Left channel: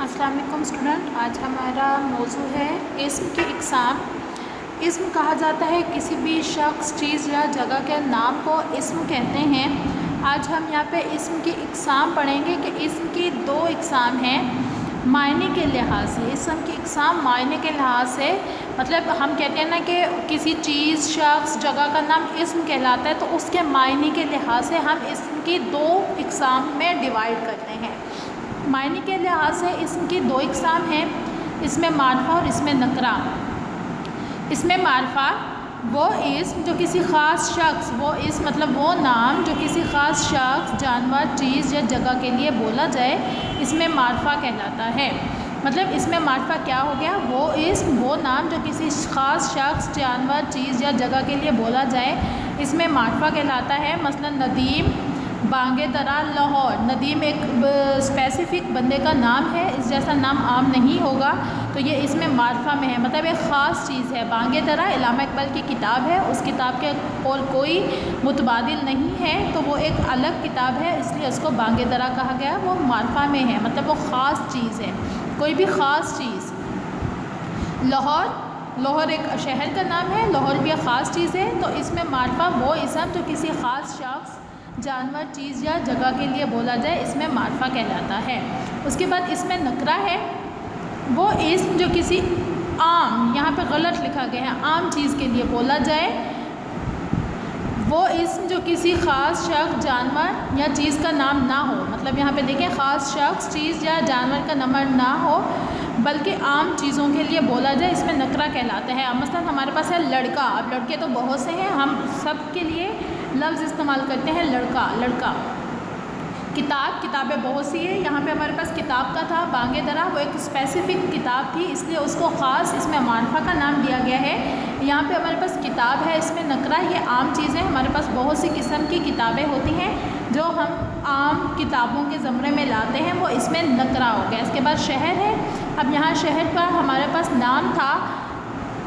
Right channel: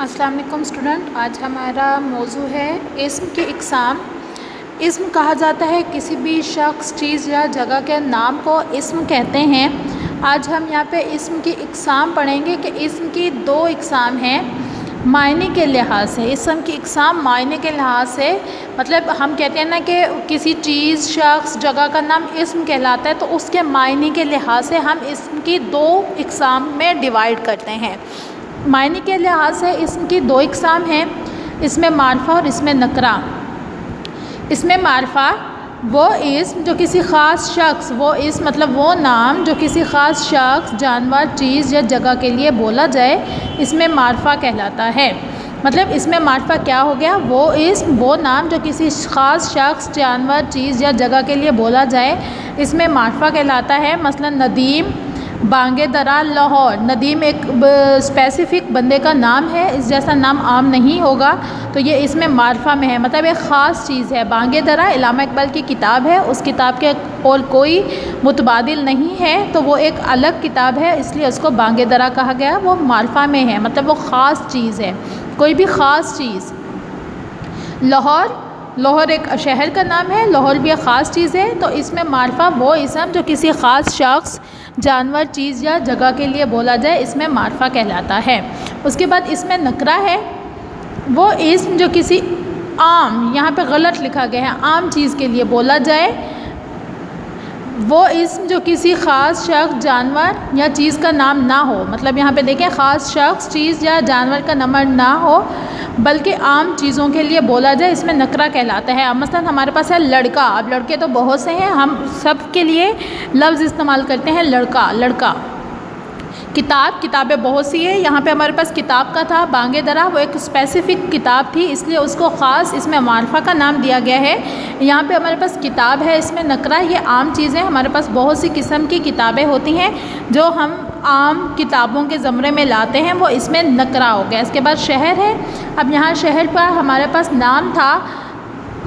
अस्सलाम वालेकुम स्टूडेंट। आज हमारा मौजू है इस्म की इक़साम। इस्म कहा जाता है किसी भी शख्स, चीज़ या जगह के नाम को इस्म कहते हैं। आज हम यहाँ पे इस्म की इक़साम पढ़ेंगे कि इस्म की दो इक़साम हैं मायने के लिहाज से। इस्म की इक़साम मायने के लिहाज से मतलब हम कहते हैं ना कि किसी चीज़, शख्स, जगह का नाम इस्म कहलाता है, तो उसके मायने के लिहाज से हम इस्म की दो इक़साम में डिवाइड करते हैं। मायने के लिहाज से इस्म की दो इक़साम हैं, इसमें मारफ़ा और इसमें नकरा। इसमें मारफ़ा वो इस्म जो किसी ख़ास शख्स, वो इस्म मतलब वो नाम जो किसी ख़ास शख्स, जानवर, चीज़ या जगह के लिए बोला जाए, इसमें मारफ़ा कहलाता है। मतलब इसमें मारफ़ा क्या हो गया, वो इस्म, वो नाम जो किसी ख़ास शख्स, जानवर, चीज़ या जगह के लिए बोला जाए, इसमें मारफ़ा कहलाता है। मसलन नदीम, बांगे दरा, लाहौर। नदीम एक स्पेसिफ़िक बंदे का नाम है, इस जैसा नाम आम नहीं होगा, तो ये इसमें मारफ़ा में है, मतलब एक ख़ास चीज़ है। बांगे दरा इलामा इकबाल की किताब है, उस किताब के और कोई मुतबादिल नहीं है, तो वो एक अलग किताब है, इसलिए उसको बांगे दरा कहा गया। वो मारफ़ा में है, मतलब वो ख़ास चीज़ है, कोई भी ख़ास चीज़। लाहौर, लाहौर एक शहर का नाम है, लाहौर भी एक ख़ास चीज़ है, तो इसमें मारफ़ा वो इस्म जो किसी ख़ास शख्स, जानवर, चीज़ या जगह के लिए बोला जाए, इसमें मारफ़ा कहलाता है। उसके बाद इसमें नकरा है, वो इस्म जो किसी आम, यहाँ पे गलत लिखा गया है, आम चीज़ के लिए बोला जाए, वो इस्म जो किसी ख़ास शख्स, जानवर या चीज़ का नाम ना हो। मतलब यहाँ पे देखें, ख़ास शख्स, चीज़ या जानवर का नाम ना हो, बल्कि आम चीज़ों के लिए बोला जाए, इसमें नकरा कहलाता है। मसलन हमारे पास है लड़का। अब लड़के तो बहुत से हैं, हम सब के लिए लफ्ज़ इस्तेमाल करते हैं लड़का, लड़का। किताब, किताबें बहुत सी है, यहाँ पे हमारे पास किताब का था बांगे दरा, वो एक स्पेसिफ़िक किताब थी, इसलिए उसको ख़ास इसमें मारफ़ा का नाम दिया गया है। यहाँ पे हमारे पास किताब है, इसमें नकरा। ये आम चीज़ें, हमारे पास बहुत सी किस्म की किताबें होती हैं जो हम आम किताबों के ज़मरे में लाते हैं, वो इसमें नकरा हो गया। इसके बाद शहर है। अब यहाँ शहर का हमारे पास नाम था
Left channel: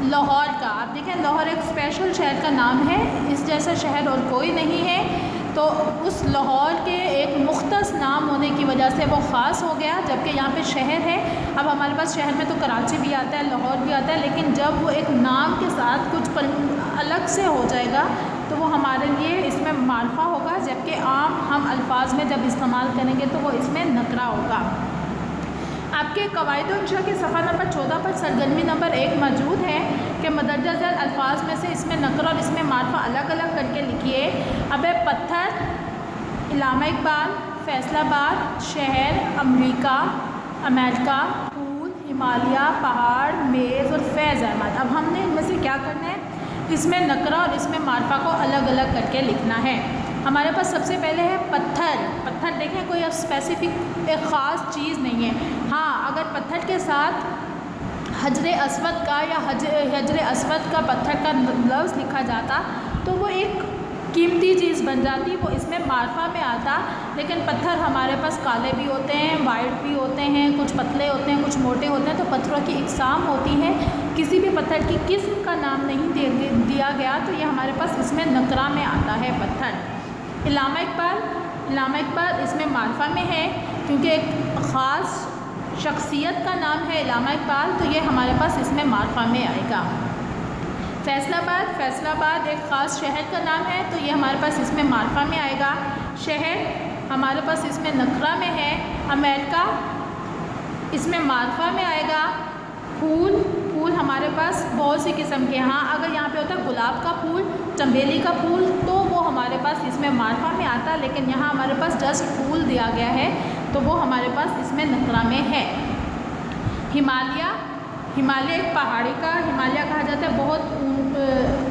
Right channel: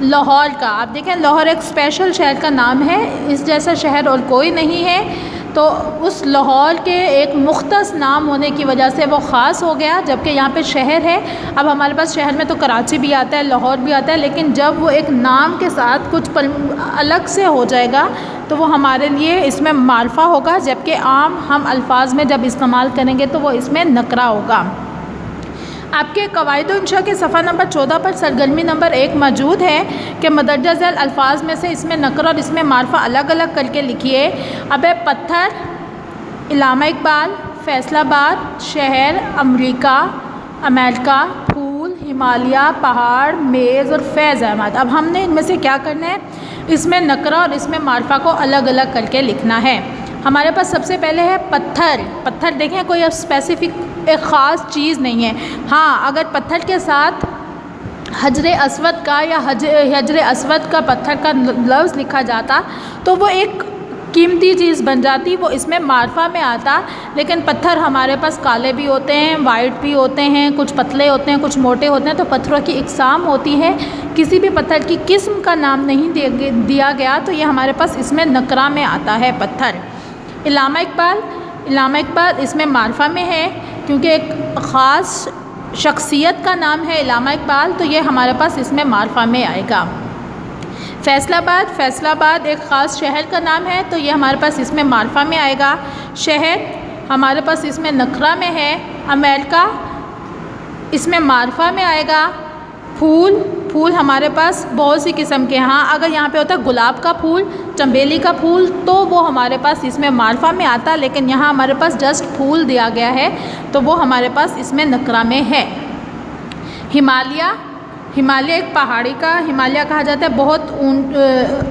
लाहौर का। आप देखें, लाहौर एक स्पेशल शहर का नाम है, इस जैसा शहर और कोई नहीं है, तो उस लाहौर के एक मुख्तस नाम होने की वजह से वो ख़ास हो गया। जबकि यहाँ पे शहर है, अब हमारे पास शहर में तो कराची भी आता है, लाहौर भी आता है, लेकिन जब वो एक नाम के साथ कुछ अलग से हो जाएगा तो वो हमारे लिए इसमें मारफ़ा होगा, जबकि आम हम अल्फाज में जब इस्तेमाल करेंगे तो वो इसमें नकरा होगा। आपके कवायद इंशा के सफ़ा नंबर 14 पर सरगर्मी नंबर 1 मौजूद है कि मदरजा झैल अल्फाज में से इसमें नकरा और इसमें मारफ़ा अलग अलग करके लिखिए। अब है पत्थर, इलामा इकबाल, फैसलाबाद, शहर, अमेरिका, फूल, हिमालय, पहाड़, मेज़ और फैज़ अहमद। अब हमने इनमें से क्या करना है, इसमें नकरा और इसमें मारफ़ा को अलग अलग करके लिखना है। हमारे पास सबसे पहले है पत्थर। पत्थर देखें, कोई स्पेसिफ़िक एक ख़ास चीज़ नहीं है। हाँ, अगर पत्थर के साथ हजर अस्वद का या हजर अस्वद का पत्थर का लफ्ज़ लिखा जाता तो वो एक कीमती चीज़ बन जाती, वो इसमें मारफ़ा में आता। लेकिन पत्थर हमारे पास काले भी होते हैं, वाइट भी होते हैं, कुछ पतले होते हैं, कुछ मोटे होते हैं, तो पत्थरों की इक़साम होती है। किसी भी पत्थर की किस्म का नाम नहीं दिया गया, तो ये हमारे पास इसमें नकरा में आता है पत्थर। इलामा इकबाल इसमें मारफ़ा में है, क्योंकि एक ख़ास शख्सियत का नाम है इलामा इकबाल, तो ये हमारे पास इसमें मारफ़ा में आएगा। फैसलाबाद एक ख़ास शहर का नाम है, तो ये हमारे पास इसमें मारफ़ा में आएगा। शहर हमारे पास इसमें नकरा में है। अमेरिका इसमें मारफ़ा में आएगा। फूल हमारे पास बहुत सी किस्म के हैं। हाँ, अगर यहाँ पे होता है गुलाब का फूल, चमेली का फूल, तो वो हमारे पास इसमें मारफ़ा में आता, लेकिन यहाँ हमारे पास जस्ट फूल दिया गया है, तो वो हमारे पास इसमें नकरा में है। हिमालय एक पहाड़ी का हिमालय कहा जाता है, बहुत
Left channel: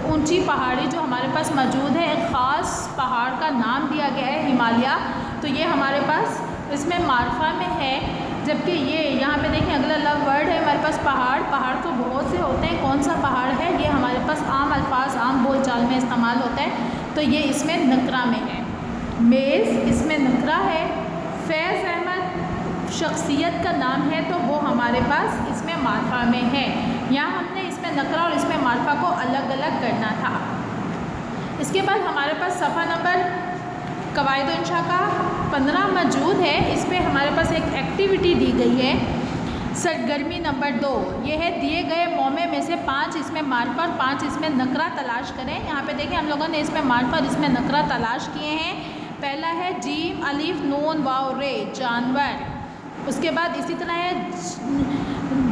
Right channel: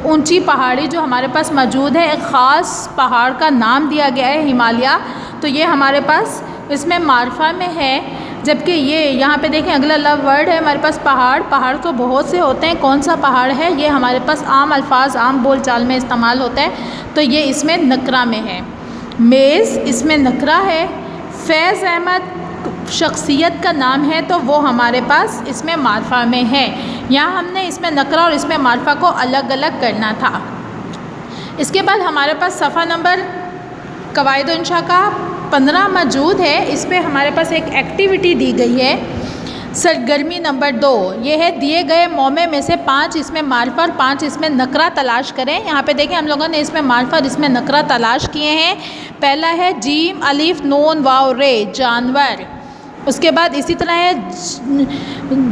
ऊंची पहाड़ी जो हमारे पास मौजूद है, एक ख़ास पहाड़ का नाम दिया गया है हिमालय, तो ये हमारे पास इसमें मारफ़ा में है। जबकि ये यहाँ पे देखें, अगला लव वर्ड है हमारे पास पहाड़ तो बहुत से होते हैं, कौन सा पहाड़ है, ये हमारे पास आम अल्फाज, आम बोल चाल में इस्तेमाल होता है, तो ये इसमें नकरा में है। मेज़ इसमें नकरा है। फैज़ अहमद शख्सियत का नाम है, तो वो हमारे पास इसमें मारफ़ा में है। यहाँ हमने इसमें नकरा और इसमें मारफ़ा को अलग अलग करना था। इसके बाद हमारे पास सफ़ा नंबर कवायद इंशा का 15 मौजूद है। इस पर हमारे पास एक एक्टिविटी दी गई है सरगर्मी नंबर 2 ये है दिए गए मौमे में से 5 इसमें मार्फा और 5 इसमें नकरा तलाश करें। यहाँ पे देखें हम लोगों ने इसमें मार्फा और इसमें नकरा तलाश किए हैं। पहला है जीम अलिफ नून वाव रे जानवर। उसके बाद इसी तरह है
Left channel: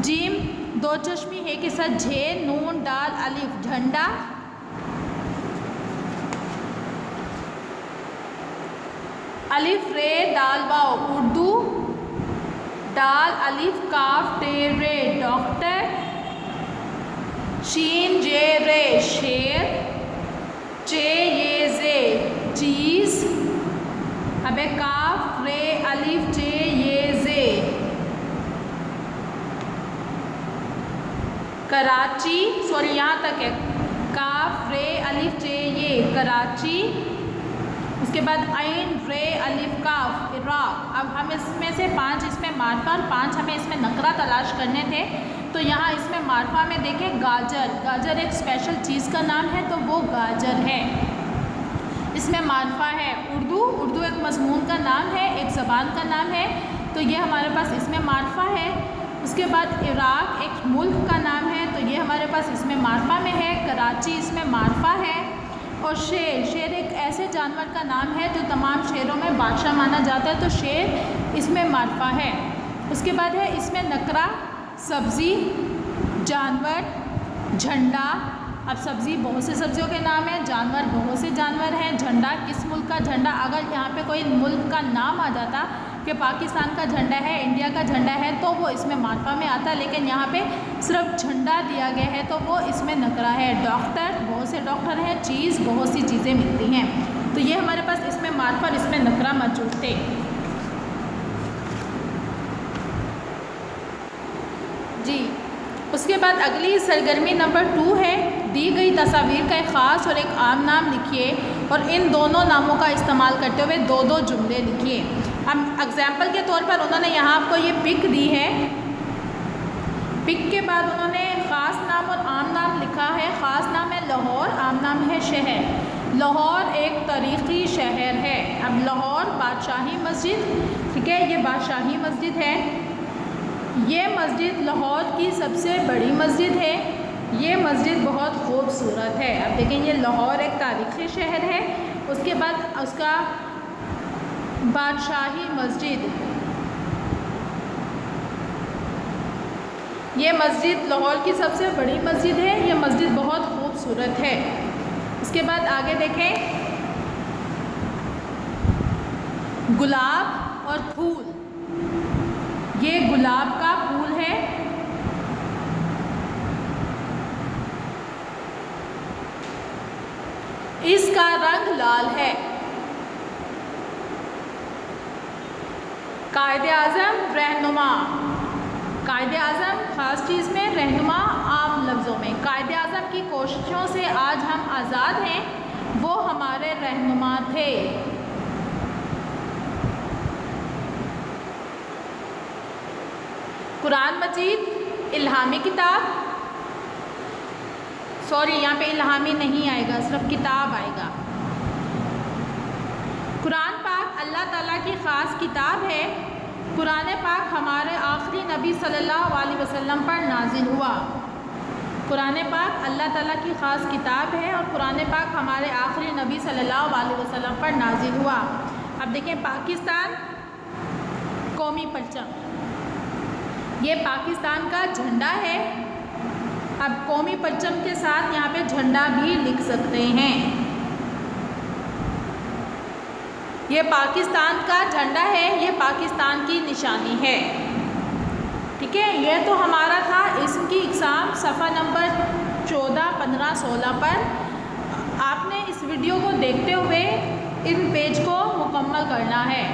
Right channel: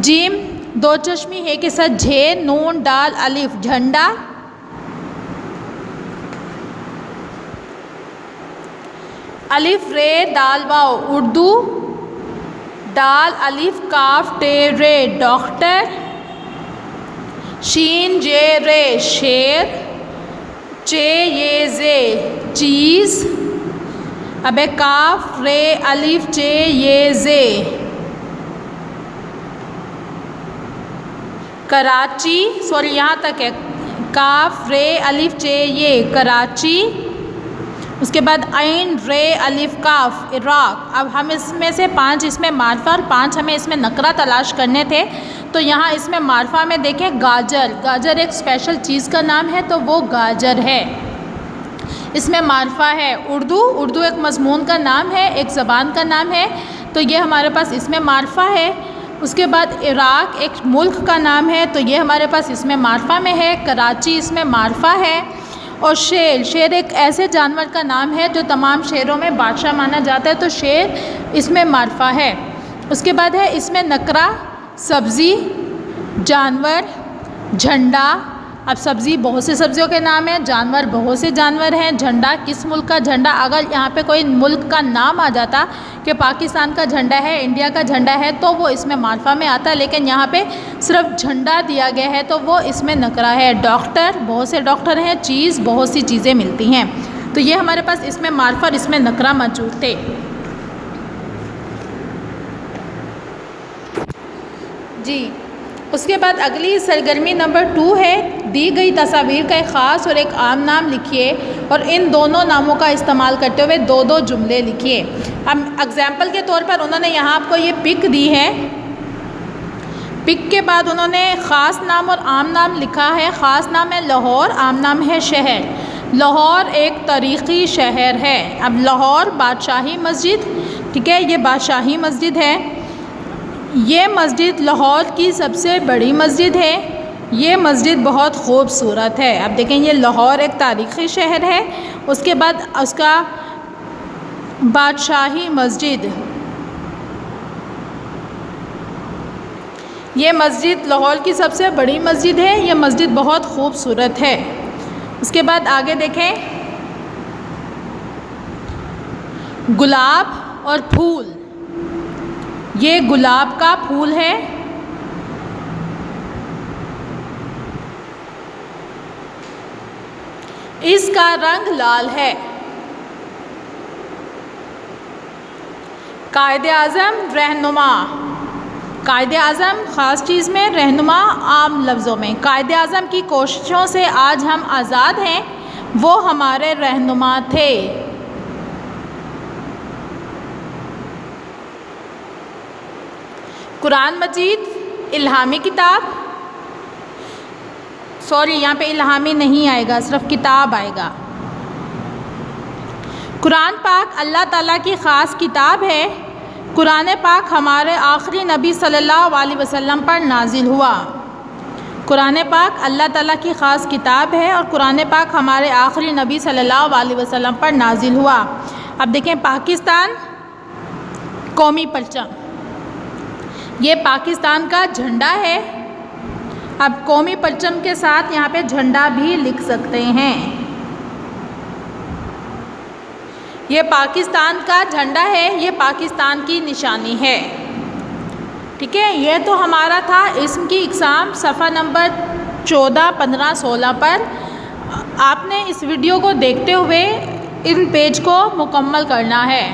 जीम दो चश्मी है के साथ झे नून डाल अलिफ झंडा। अलिफ रे दाल वाव उर्दू। दाल अलिफ काफ टे रे डॉक्टर। शीन जे रे शेर। चे ये जे चीज़। अब है काफ रे अलिफ चे ये जे कराची। सॉरी यहाँ तक है काफ रे अलिफ चे ये कराची। उसके बाद ऐन रे अलिफ काफ इराक। अब हम इसमें से 5 इसमें मार्फा और 5 हमें इसमें नकरा तलाश करने थे। तो यहाँ इसमें मार्फा में देखें गाजर। गाजर एक स्पेशल चीज़ का नाम है तो वो गाजर है। इसमें मार्फा है उर्दू। उर्दू एक मज़मून का नाम है, एक ज़बान का नाम है, तो ये हमारे पास इसमें मार्फा है। उसके बाद इराक एक मुल्क का नाम है तो ये हमारे पास इसमें मार्फा में है। कराची इसमें मार्फा है। और शेर, शेर एक ऐसे जानवर का नाम है जो तमाम शेरों में बादशाह माना जाता है तो शेर इसमें मार्फा है। उसके बाद है इसमें नकरा सब्ज़ी जानवर झंडा। अब सब्ज़ी बहुत से सब्जियों के नाम हैं, जानवर बहुत से जानवर हैं। झंडा किस मुल्क का झंडा, अगर यहाँ पे कोई मुल्क का नाम आ जाता कि पाकिस्तान का झंडा है, इंडिया का झंडा है, तो वो इसमें मार्फा में आता, लेकिन यहाँ पे सिर्फ झंडा दिया गया है तो वो इसमें नकरा है। डॉक्टर बहुत से डॉक्टर हैं। चीज़ बहुत सी चीज़ें मिलती हैं। तो ये हमारे पास इसमें मार्फा और इसमें नकरा मौजूद थे। जी, उसके बाद अगली सरगर्मी नंबर 2 है दी गई तस्वीर का एक ख़ास और एक आम नाम लिखिए और इन दोनों नामों का इस्तेमाल करते हुए 2-2 जुमले लिखिए। अब एग्जाम्पल के तौर पर उन्होंने यहाँ आपको ये पिक दी है। पिक के बाद उन्होंने ख़ास नाम और आम नाम लिखा है। ख़ास नाम है लाहौर, आम नाम है शहर। लाहौर एक तारीख़ी शहर है। अब लाहौर बादशाही मस्जिद, ठीक है, ये बादशाही मस्जिद है। ये मस्जिद लाहौर की सबसे बड़ी मस्जिद है। ये मस्जिद बहुत खूबसूरत है। अब देखें ये लाहौर एक तारीख़ी शहर है। उसके बाद उसका बादशाही मस्जिद, ये मस्जिद लाहौर की सबसे बड़ी मस्जिद है। ये मस्जिद बहुत खूबसूरत है। उसके बाद आगे देखें गुलाब और फूल। ये गुलाब का फूल है। इसका रंग लाल है। कायदे-आज़म रहनुमा। कायदे-आज़म ख़ास चीज़ में, रहनुमा आम लफ्ज़ों में। कायदे-आज़म की कोशिशों से आज हम आज़ाद हैं, वो हमारे रहनुमा थे। कुरान मजीद इल्हामी किताब, सॉरी यहाँ पे इल्हामी नहीं आएगा, सिर्फ किताब आएगा। कुरान पाक अल्लाह ताला की ख़ास किताब है। कुरान पाक हमारे आखिरी नबी सल्लल्लाहु अलैहि वसल्लम पर नाजिल हुआ। कुरान पाक अल्लाह ताला की ख़ास किताब है और कुरान पाक हमारे आखिरी नबी सल्लल्लाहु अलैहि वसल्लम पर नाजिल हुआ। अब देखें पाकिस्तान कौमी परचम, ये पाकिस्तान का झंडा है। अब कौमी परचम के साथ यहाँ पे झंडा भी लिख सकते हैं। ये पाकिस्तान का झंडा है, ये पाकिस्तान की निशानी है। ठीक है, ये तो हमारा था इस्म की इक़साम सफ़ा नंबर 14, 15, 16 पर। आपने इस वीडियो को देखते हुए इन पेज को मुकम्मल करना है।